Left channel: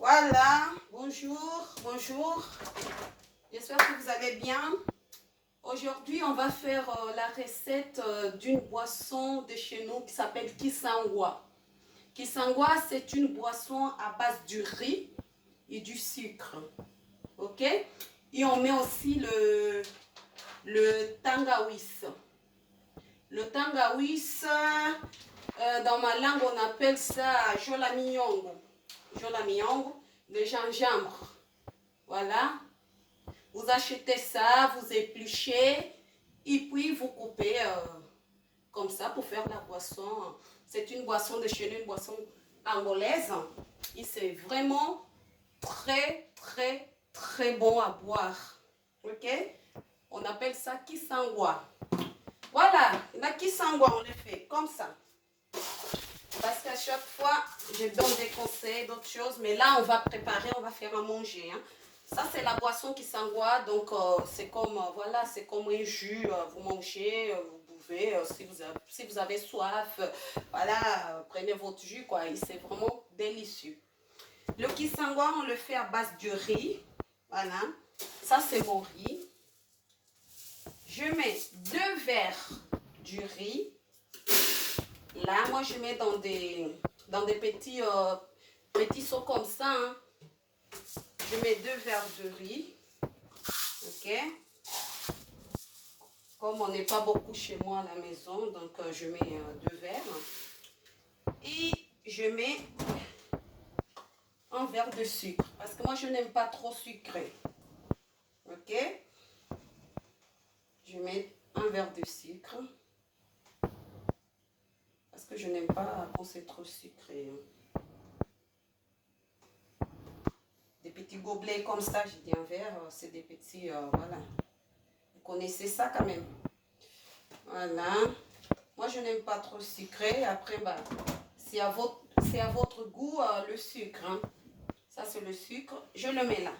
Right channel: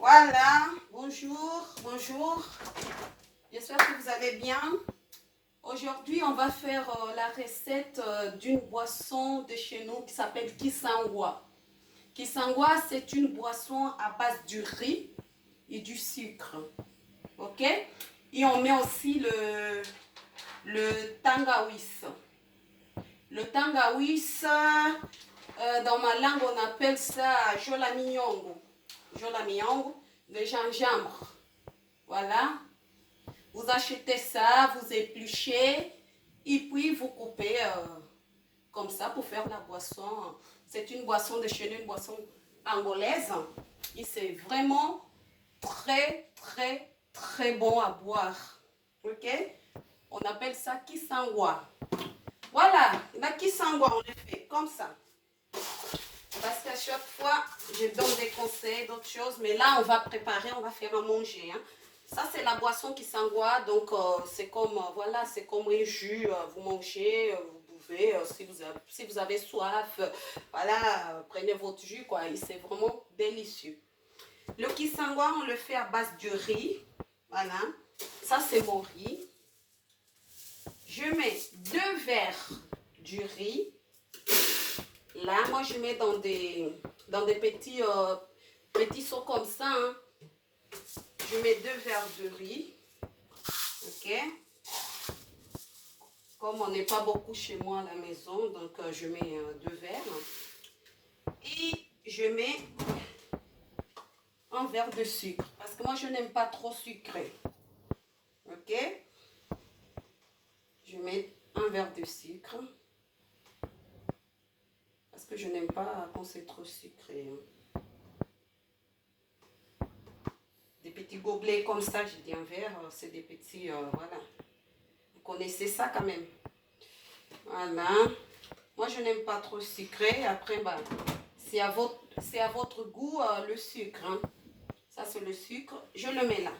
Voilà, bonjour, bonjour. J'espère que vous allez bien. Aujourd'hui, on va faire la recette d'une boisson de chez nous qui s'appelle Kisangwa. Kisangwa, c'est une boisson à base du riz et du sucre. Ok? Et on met aussi le tangawis. Le tangawis, dans ma langue, on appelle ça jolamiyongo. Jolamiyongo, le gingembre. Voilà. Vous achetez ça, vous épluchez et puis vous coupez comme ça pour faire la boisson. C'est une boisson de chez nous, une boisson angolaise. Et c'est vraiment très bon à boire. Ok? On appelle ça kisangwa. Voilà, la kisangwa, on le fait comme ça. Parce qu'à chaque fois, je donne des conseils, d'autres choses. Mais là, on va préparer, on va faire à manger. Hein. Ça, c'est la boisson Kisangwa. Donc, c'est comme, voilà, c'est comme un jus. Vous mangez, vous buvez. Si vous avez soif, voilà, prenez votre jus, quoi. Et c'est vraiment délicieux. Le Kisangwa, on le fait à base de riz. Voilà. Ça, c'est mon riz. Je mets 2 verres du riz. Là, moi, je mets dans des petits seaux comme ça. Hein. Je mets 2 verres de riz. Ok. Comme on n'est pas beaucoup chez moi à la maison, donc je mets 2 verres. Et je mets 1 verre de sucre. Parce que moi, je n'aime pas trop sucré. Ok. Je mets 1 verre de sucre. Parce que je n'aime pas quand c'est trop sucré. Des petits gobelets comme ça, j'ai dit un verre, c'est des petits, voilà. Vous connaissez ça quand même. Voilà. Moi, je n'aime pas trop sucré. Après, bah, c'est à votre goût le sucre. Hein. Ça, c'est le sucre. Je le mets là.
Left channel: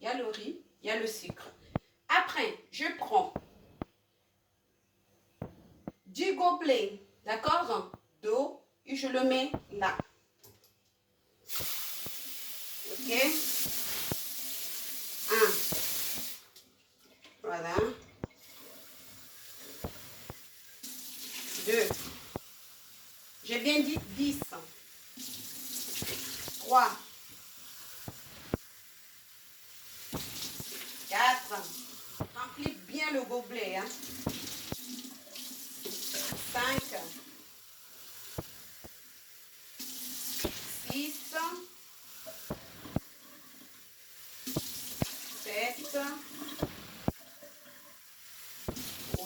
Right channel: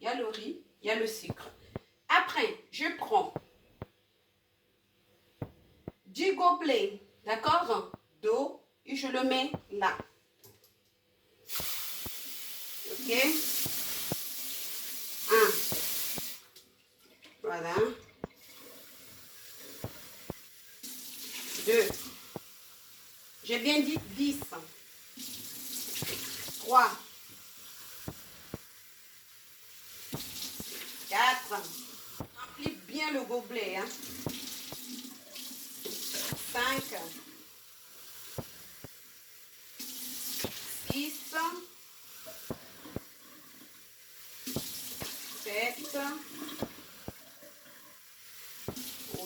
Il y a le riz, il y a le sucre. Après, je prends du gobelet, d'accord, d'eau, et je le mets là. Ok. 1. Voilà. 2. J'ai bien dit 10. 3. 4. Remplis bien le gobelet. Hein. 5. 6. 7.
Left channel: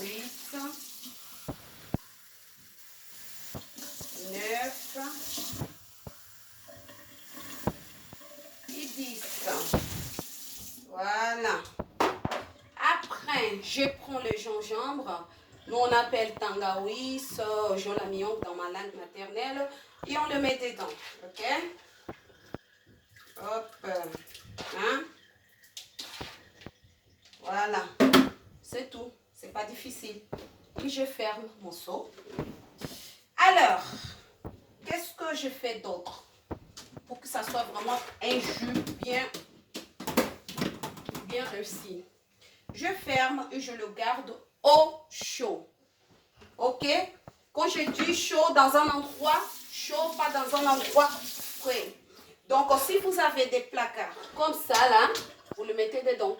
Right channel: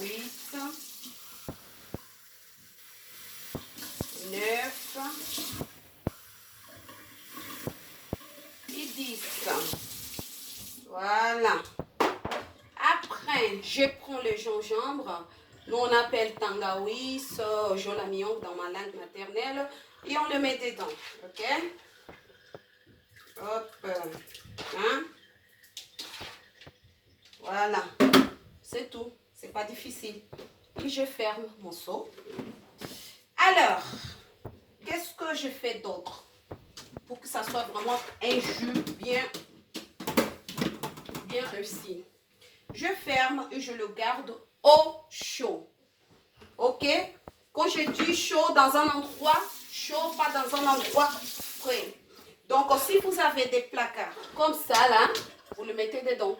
8. 9 et 10. Voilà. Après, je prends le gingembre. Nous, on appelle tangawis, jolamion dans ma langue maternelle. Et on le met dedans. Ok? Hop. Hein? Voilà. C'est tout. C'est pas difficile. Et je ferme mon seau. Alors, qu'est-ce que je fais d'autre pour que ça soit vraiment un jus bien réussi? Je ferme et je le garde au chaud. Ok? Quand je dis chaud, dans un endroit chaud, pas dans un endroit frais. Donc, si vous avez des placards comme ça, là, vous le mettez dedans.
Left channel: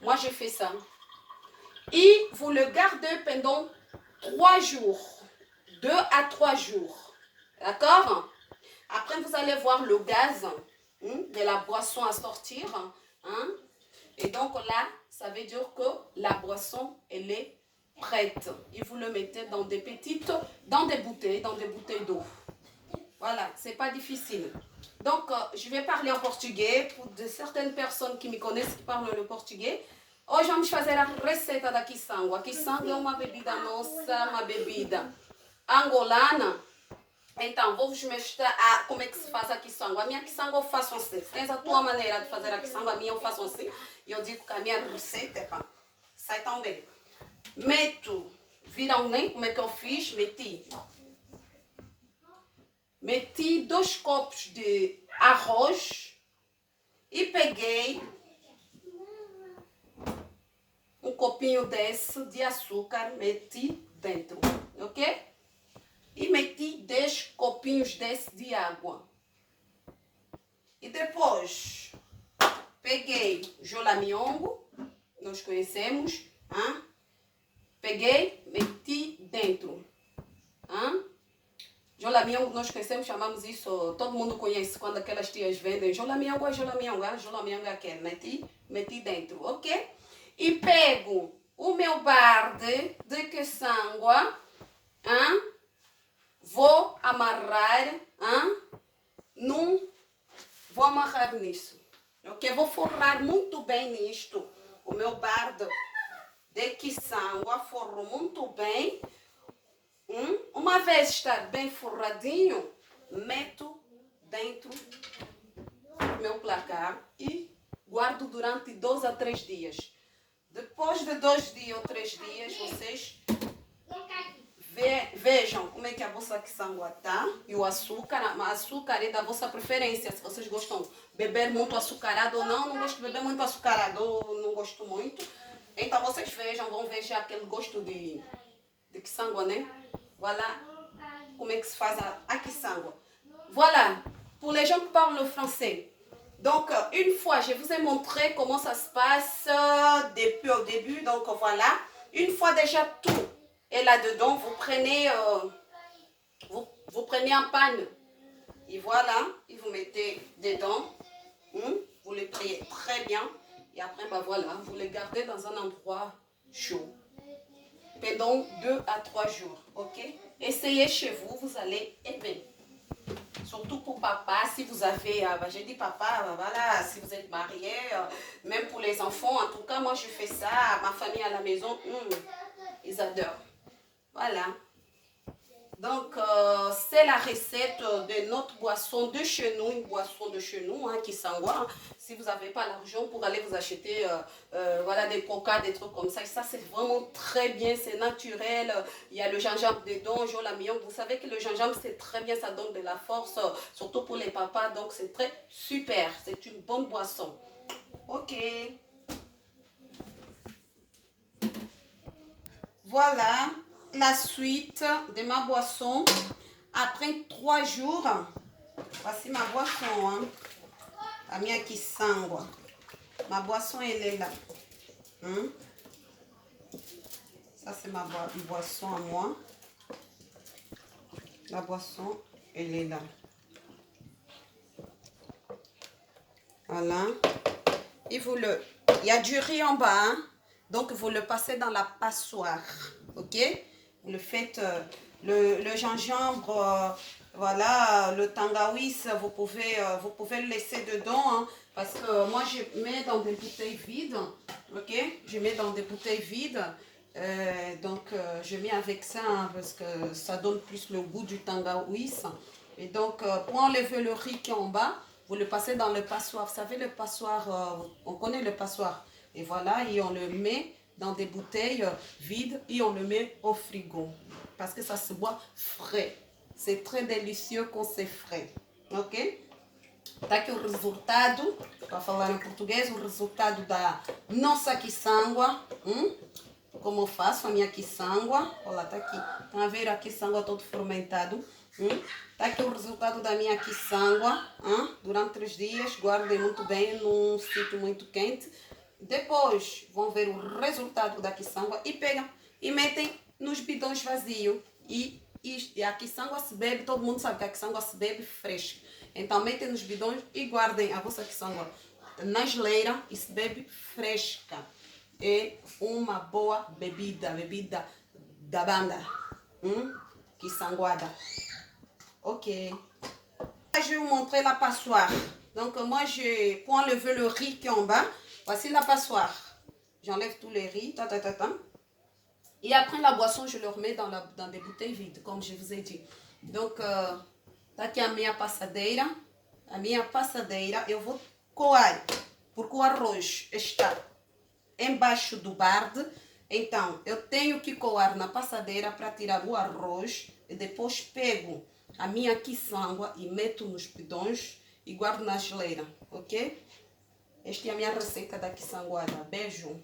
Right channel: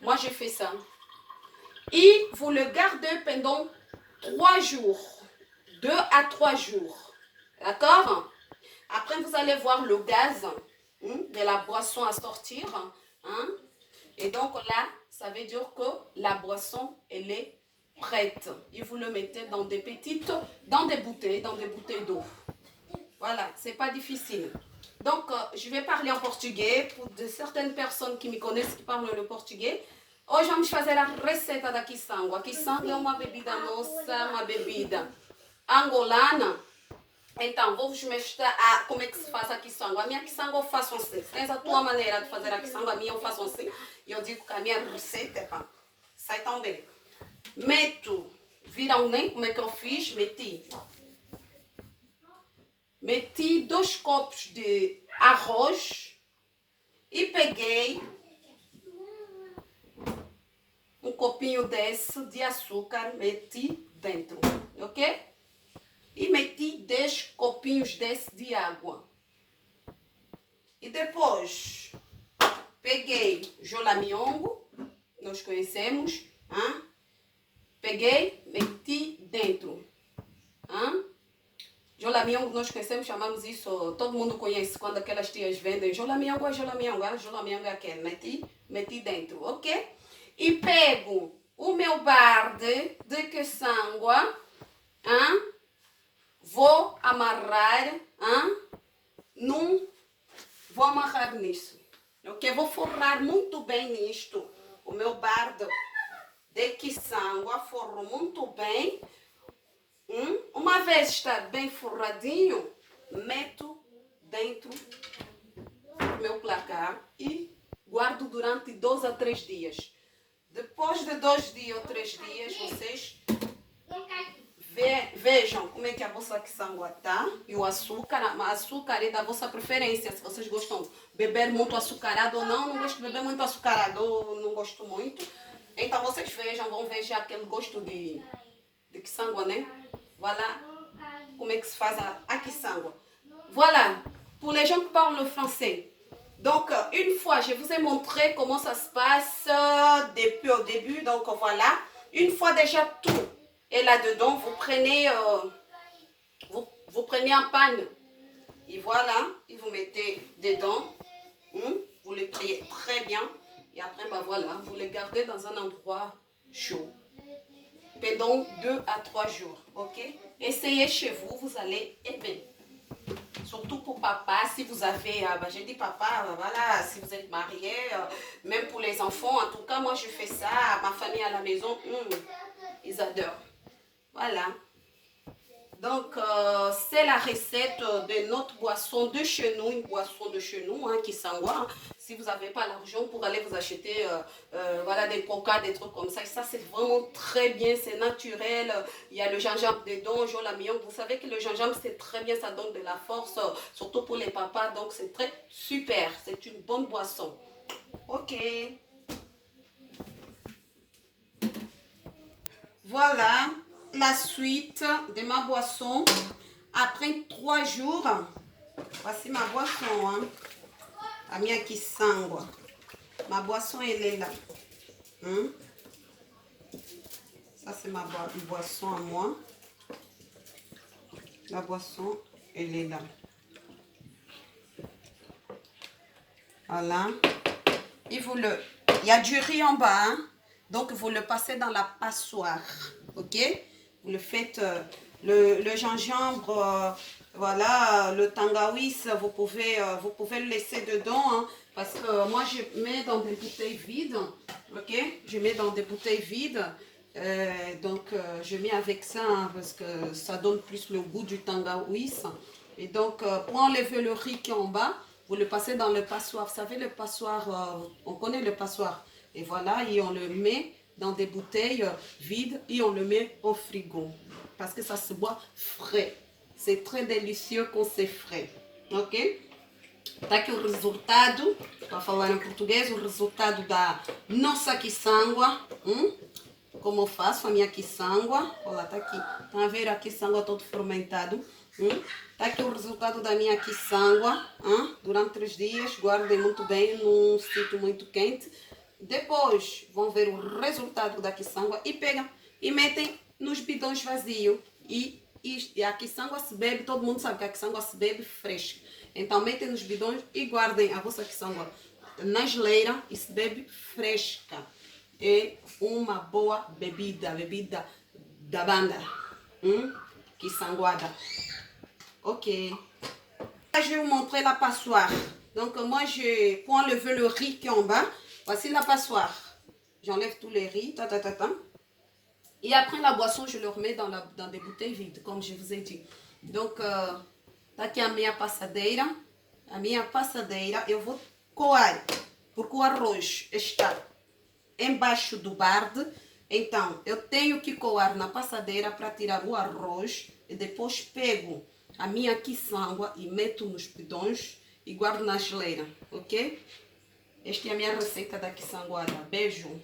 Moi, je fais ça. Et vous le gardez pendant 3 jours. 2 à 3 jours. D'accord? Après, vous allez voir le gaz de la boisson à sortir. Hein? Et donc là, ça veut dire que la boisson, elle est prête. Et vous le mettez dans des bouteilles d'eau. Voilà, c'est pas difficile. Donc, je vais parler en portugais pour certaines personnes qui me connaissent, qui parlent le portugais. Hoje vamos fazer a receita da quiçanga. A quiçanga é uma bebida nossa, uma bebida angolana. Então, vou vos mostrar como é que se faz a quiçanga. A minha quiçanga eu faço assim. Se tens a tua maneira de fazer a quiçanga, a minha eu faço assim. E eu digo que a minha receita, pá, sai tão bem. Meto, viram nem como é que eu fiz? Meti 2 copos de arroz, E peguei um copinho desse de açúcar, meti dentro, ok? E meti 10 copinhos desse de água. E depois peguei jolamiongo, nós conhecemos, hein? Peguei, meti dentro. Hein? Jolamiongo nós conhecemos, chamamos isso, todo mundo conhece quando aquelas tias vendem jolamiongo, jolamiongo é aquele, meti dentro, ok? E pego o meu barde de caçangua, hein? Vou amarrar, hein? Vou amarrar nisso, ok? Vou forrar muito bem nisto, o meu barde de caçangua, forro muito bem. Uma vez está bem forradinho, meto dentro do meu placar e guardo durante 2 a 3 dias. Depois de 2 dias ou 3 dias, vocês vejam como é que a vossa caçangua está. E o açúcar é da vossa preferência. Se vocês gostam de beber muito açucarado ou não, não gosto de beber muito açucarado, ou não gosto muito. Então vocês vejam, vão ver já aquele gosto de caçangua, né? Voilà comment se fait à Kisangwa. Voilà, pour les gens qui parlent le français. Donc, une fois, je vous ai montré comment ça se passe depuis au début. Donc, voilà. Une fois déjà tout est là-dedans, vous prenez, vous prenez un panne. Et voilà, et vous mettez dedans. Vous le pliez très bien. Et après, bah voilà, vous le gardez dans un endroit chaud pendant 2 à 3 jours, ok? Essayez chez vous, vous allez aimer. Surtout pour papa, si vous avez, j'ai dit papa, voilà, si vous êtes marié, même pour les enfants, en tout cas, moi je fais ça, ma famille à la maison, ils adorent. Voilà. Donc, c'est la recette de notre boisson de chez nous, une boisson de chez nous, qui s'envoie. Si vous n'avez pas l'argent pour aller vous acheter voilà, des coca, des trucs comme ça, et ça c'est vraiment très bien, c'est naturel. Il y a le gingembre dedans, jolamiongo. Vous savez que le gingembre c'est très bien, ça donne de la force, surtout pour les papas, donc c'est très super, c'est une bonne boisson. Ok. Voilà la suite de ma boisson. Après 3 jours, voici ma boisson. Hein. La mia kisangwa. Ma boisson, elle est là. Ça, c'est ma boisson à moi. La boisson, elle est là. Voilà. Et vous le... Il y a du riz en bas. Hein? Donc, vous le passez dans la passoire. Ok? Vous le faites... le gingembre... voilà, le tangawiz, vous pouvez le laisser dedans, hein, parce que moi je mets dans des bouteilles vides, ok? Je mets dans des bouteilles vides, donc je mets avec ça, hein, parce que ça donne plus le goût du tangawiz. Et donc pour enlever le riz qui est en bas, vous le passez dans le passoire. Vous savez le passoire, on connaît le passoire. Et voilà, et on le met dans des bouteilles vides et on le met au frigo, parce que ça se boit frais. C'est très délicieux quand c'est frais, ok? Tá aqui o resultado, para falar em português, o resultado da nossa quiçangua. Como eu faço a minha quiçangua. Olha, tá aqui. Tá a ver a quiçangua todo fermentado. Tá aqui o resultado da minha quiçangua. Durante 3 dias, guardem muito bem num sítio muito quente. Depois vão ver o resultado da quiçangua e pegam e metem nos bidões vazios. E a quiçangua se bebe, todo mundo sabe que a quiçangua se bebe fresca. Então metem nos bidões e guardem a vossa quiçangua na geleira e se bebe fresca. É uma boa bebida da banda. Quiçanguada. Ok. Je vais vous montrer la passoire. Donc moi, pour enlever le riz qui est en bas, voici la passoire. J'enlève tous les riz. Et après la boisson, je le remets dans des bouteilles vides, comme je vous ai dit. Donc, tá aqui a minha passadeira. A minha passadeira, eu vou coar, porque o arroz está embaixo do barde. Então, eu tenho que coar na passadeira para tirar o arroz. E depois pego a minha quiçangua e meto nos bidões e guardo na geleira, ok? Esta é a minha receita da quiçanguada. Beijo.